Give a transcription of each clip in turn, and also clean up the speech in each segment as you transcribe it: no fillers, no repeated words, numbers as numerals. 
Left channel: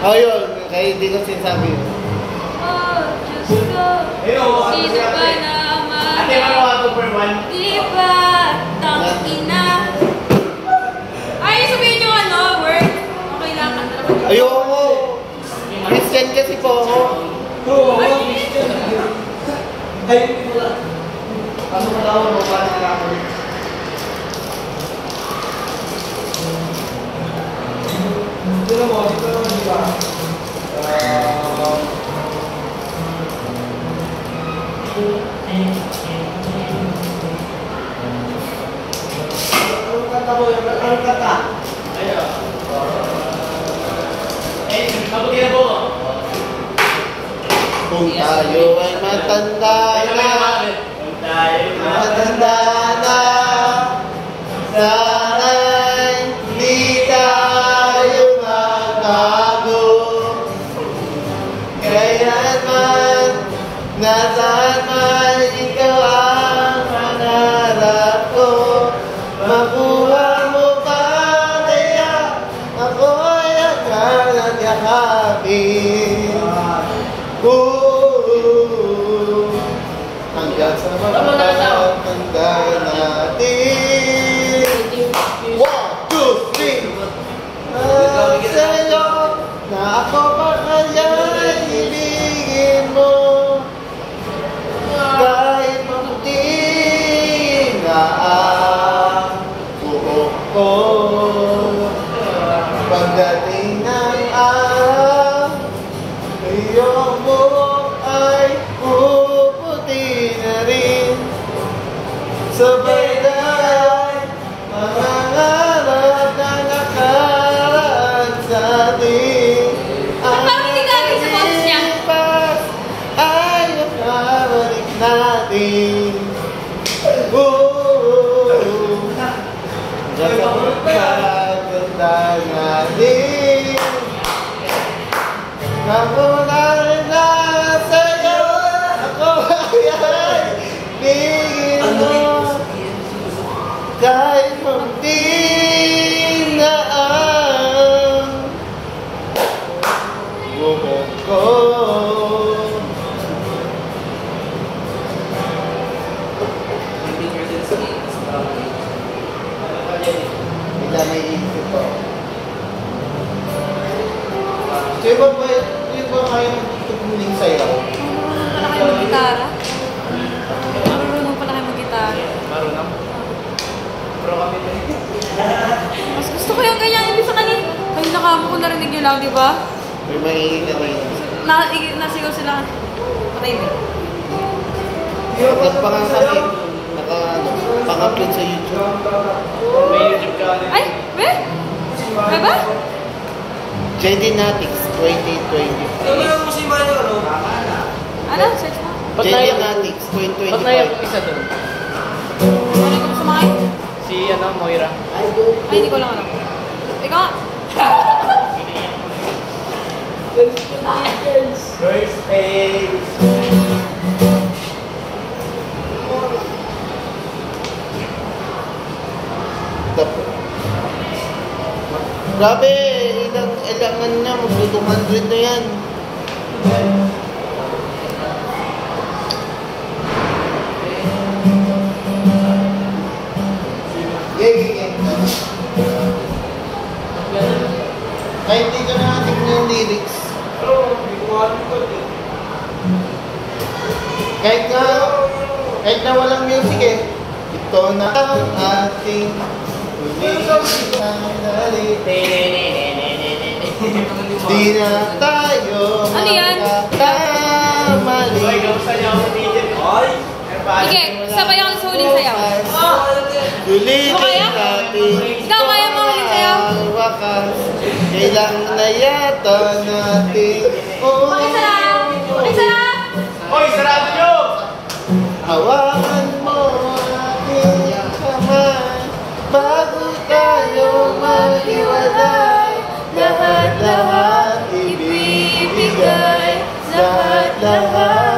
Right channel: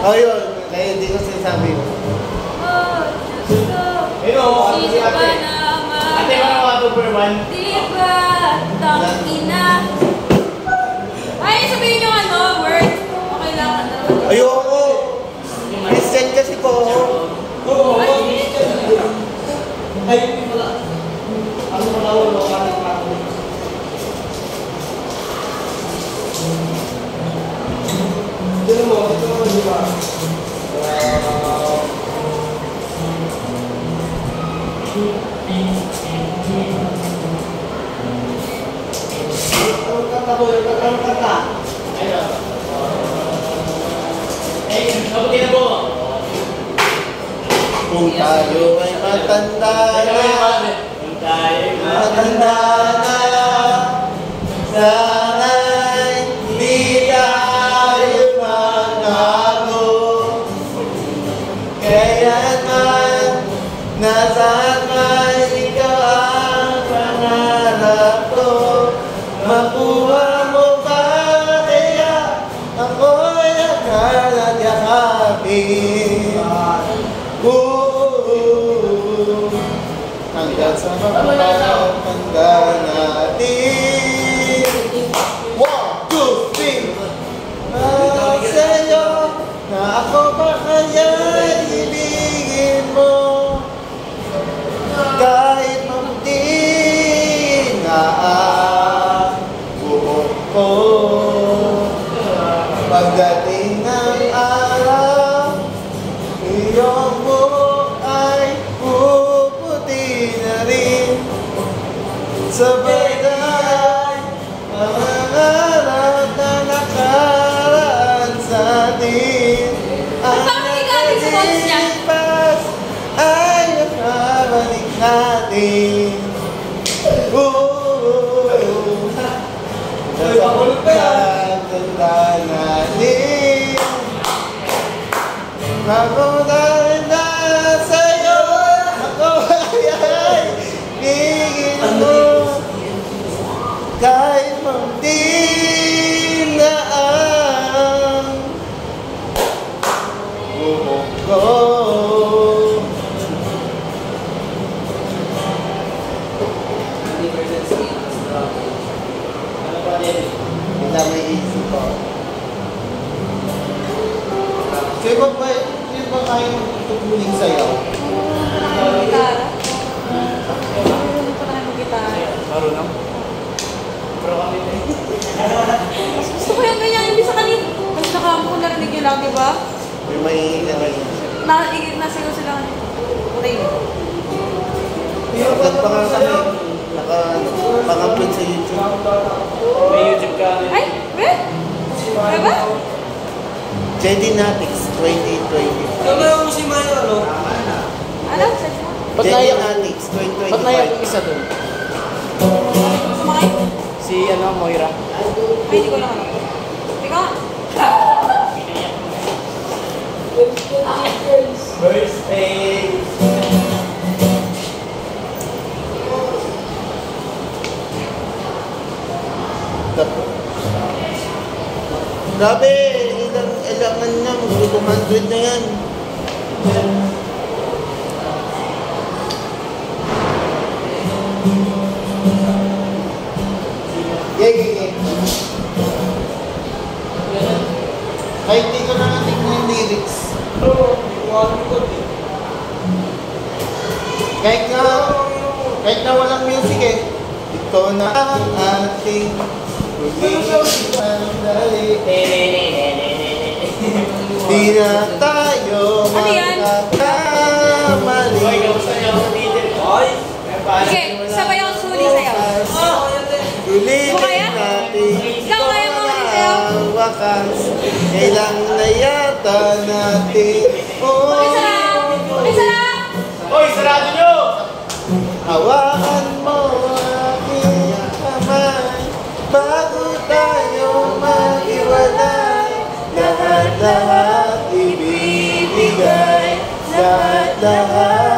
Oh, yun. Kaya hindi ko sinasabi yun. Oh, Diyos ko. Sino ba naman? Ate, ano 2 for 1? Di ba? Tangina. Ay, sabihin nyo ano, word. Okay lang. Ayoko. Christian kasi po ako. Ay, ano mo daw, mabalik na ako. Dito mo, di ba? Anong kata? Ayaw. Eh, mabuti na po. Kung tayo ay matanda na, sana'y di tayo magbago. Kaya't man, nasaan man ikaw ang pangarap ko. Makuha mo ba kaya ako'y akal at yakapin. Hanggang sa magpapaganda natin. 1, 2, 3. Sa'yo na ako pa kaya hilingin mo. Kahit mabuti na ang buhok ko. Pagdating ng araw, iyong buhok ay puputi na rin. Sabay tayo'y mangangarap na nakaraan sa atin. Ang nalipas ay nakabalik natin. Pagkakaganda natin. Ako na rin na sa'yo. Ako ay hingin mo. Kahit munti na ang buhok ko. Wala may isip ko. Sino ba kayo magtutugmuling sayaw? Gitara. Marunong pa naman mag-gitara. Marunong? Pero kami na rin. Gusto ko yung ganyan. Ibig sa kanina. Kasi nakama ko narinig yun lang, di ba? May manginginig na. Nasigaw sila. Patay mo. Pagkat pa nga kami, pang-upload sa YouTube. May YouTube ka rin. Ay! Be? Be ba? JD Natics 2020. Ano yung si Mayo, ano? Ano? JD Natics 2020. Ba't naiyak yung isa dun? Sumakay? Si, Moira. Ay, hindi ko lang alam. Ikaw? First page. Grabe, ilangan na, mag-200 na yan. Gege. Kahit hindi ko naman tignan yung lyrics. Kahit na walang music eh. Ito na ang ating sandali. Di na tayo magkakamali. Hoy, kamusta niyo ako dito? Hoy! Sige, sabay ako sa huling sayaw. Ulitin natin Ikaw, kaya mo huling sayaw? ang wakas. Kailangan na yata natin. Isa lang! Isa lang! Hoy, sarado niyo! Hawakan mo ang aking kamay bago tayo maghiwalay. Lahat-lahat ibibigay, lahat-lahat.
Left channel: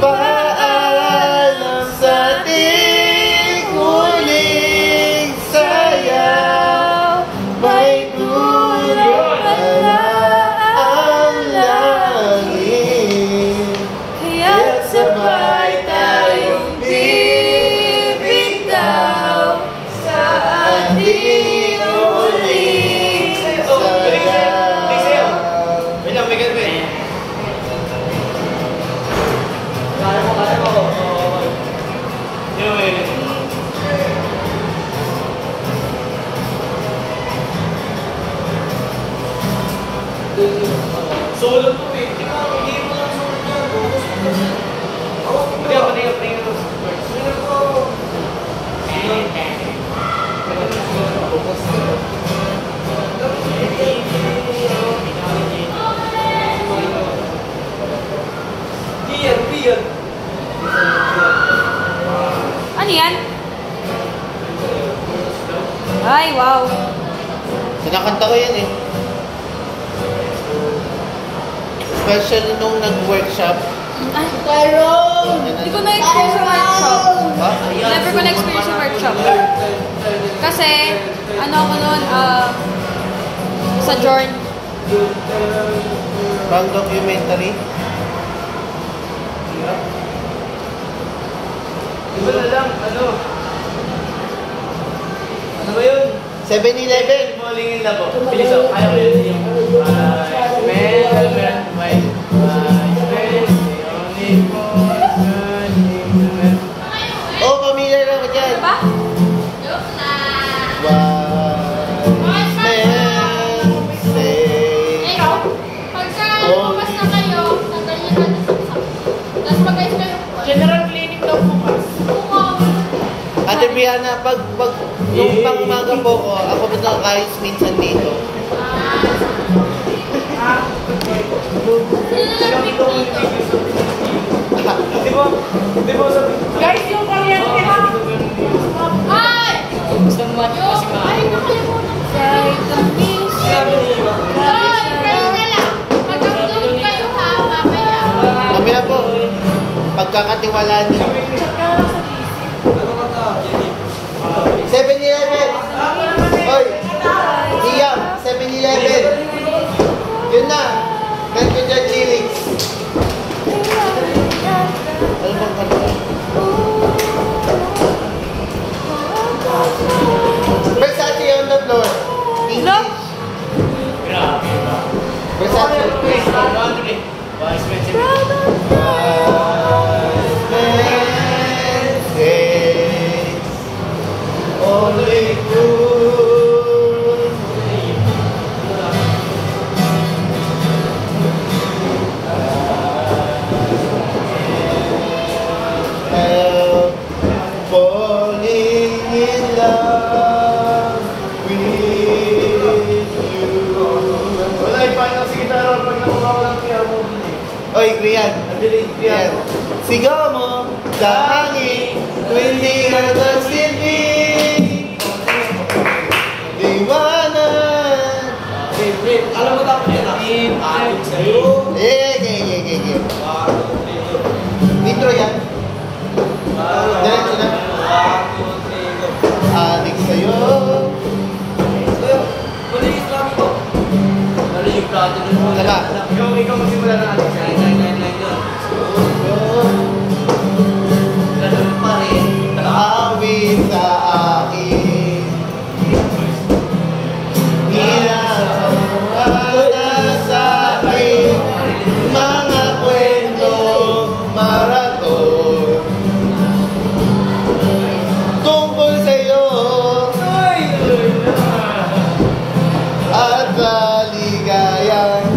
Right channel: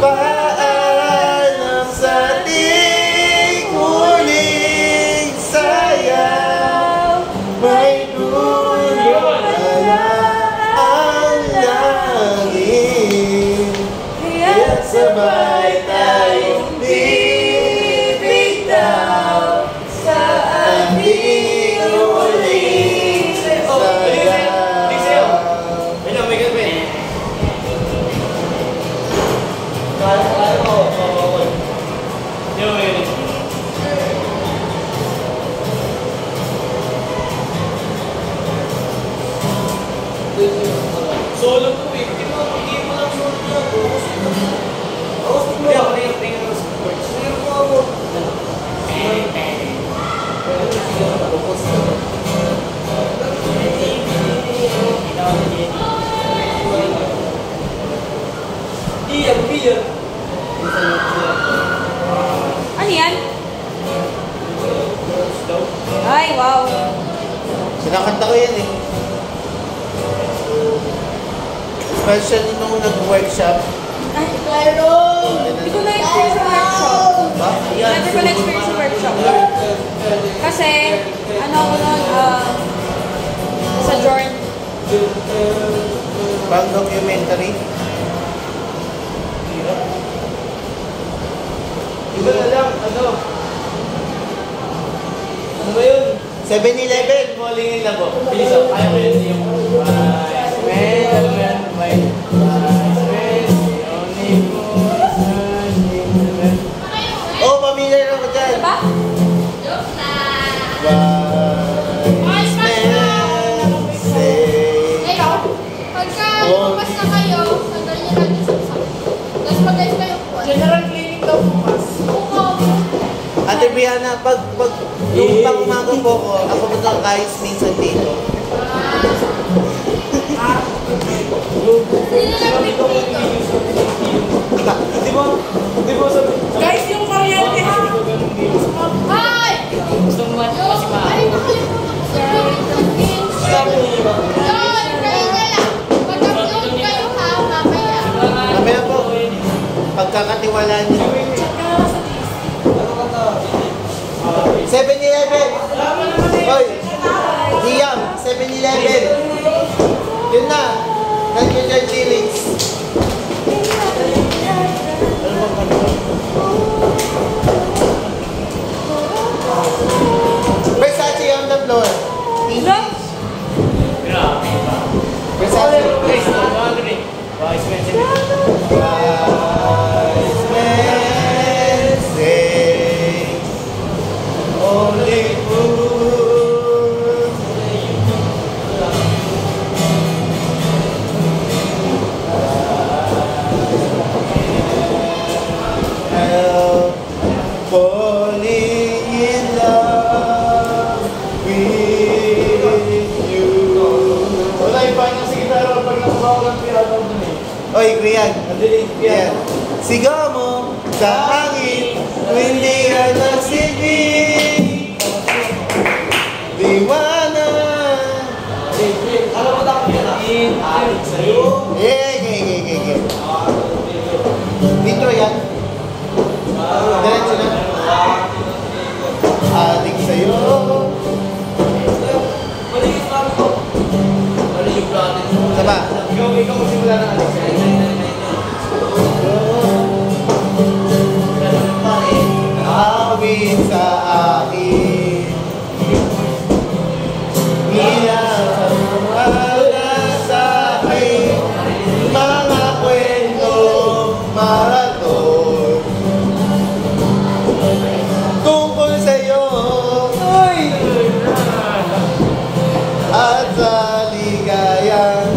Paalam sa ating huling sayaw. May dulo Hindi mo lang sunod yun. Hindi ako tingin mo sa words. Iyan. Ano yan? Ay, wow. Sinakanta ko yan eh. Especially nung nag-workshop. Ay, hindi ko na-experience sa workshop. Ba? Never ko na-experience sa workshop. Kasi, ano ako nun, sa Jorn. Pang documentary. Iba na lang, ano? Ano ba yun? 7-Eleven. Malingin lang ko. Bilis ako. Kaya ko yun. Oh, pamilya na ko dyan. Diba? Wise men say, Ikaw, pagka bukas na kayo, tanggal niyo natin sa saksak. Tapos mag-ayos kayo po. General cleaning daw bukas. Ate Brianna, yung pang-umaga po ko, ako po na guys minsan dito. Sila lang dito dito. Di mo sabi. Guys, yung kuryente ha. Ay! Ay, nakalimutan ko sa Lord, kayo na lang. Mag-upload kayo ha, mamaya. Mamaya po, pagkakatiwalaan niyo. 7-Eleven! Oy! Iyang, 7-Eleven! Yun na! Ganito dyan, Felix! Ano bang kanta? Versace on the floor! English! Versace! Wise men say. Wise men say, only fools are falling in love with you. Wala yung final sa gitara pag nakuha ko ng piano dun eh. Oy, Rian. Nadilig Yan. piano. Sigaw mo sa hangin kung hindi ka nagsilbing liwanag. Alam mo dapat yan ah. Alit sa'yo. Eh. Intro yan. Diretso na. Adik sa'yo. Maliit namin ko. Maliit natin. Sama. Ikaw magsimula na natin. Ganun pa rin. Awit sa akin. Ginagawa sa akin. Mga kwento, maraton. Tungkol sa'yo at sa ligayang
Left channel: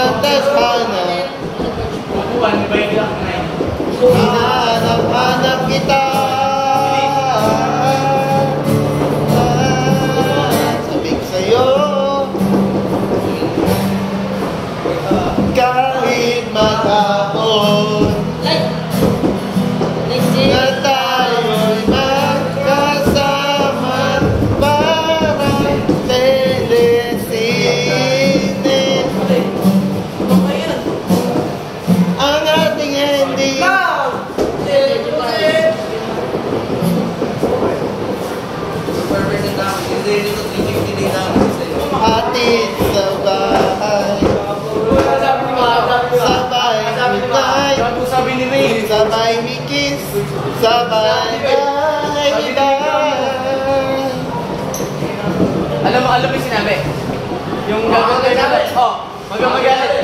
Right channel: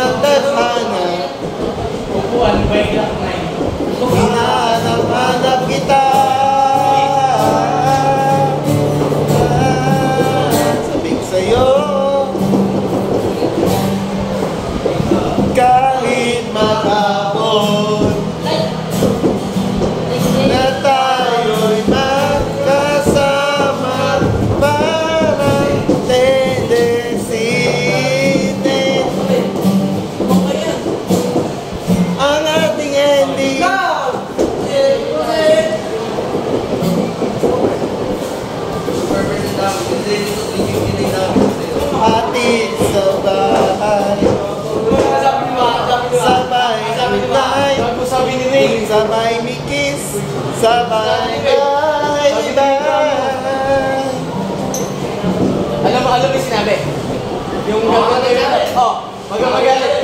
ng tadhana. Upuan, di ba yung lock na yun? Hinahanap-hanap kita. Sabik sa'yo, kahit maghapon na tayo'y magkasama, parang telesine. Ang ating ending. Hatid sa bahay, sabay tunay, Sabi ni Ray. sabay mikis, sabay bye-bye. Alam mo yung sinabi? Yung gagawin natin. Oh, magalit.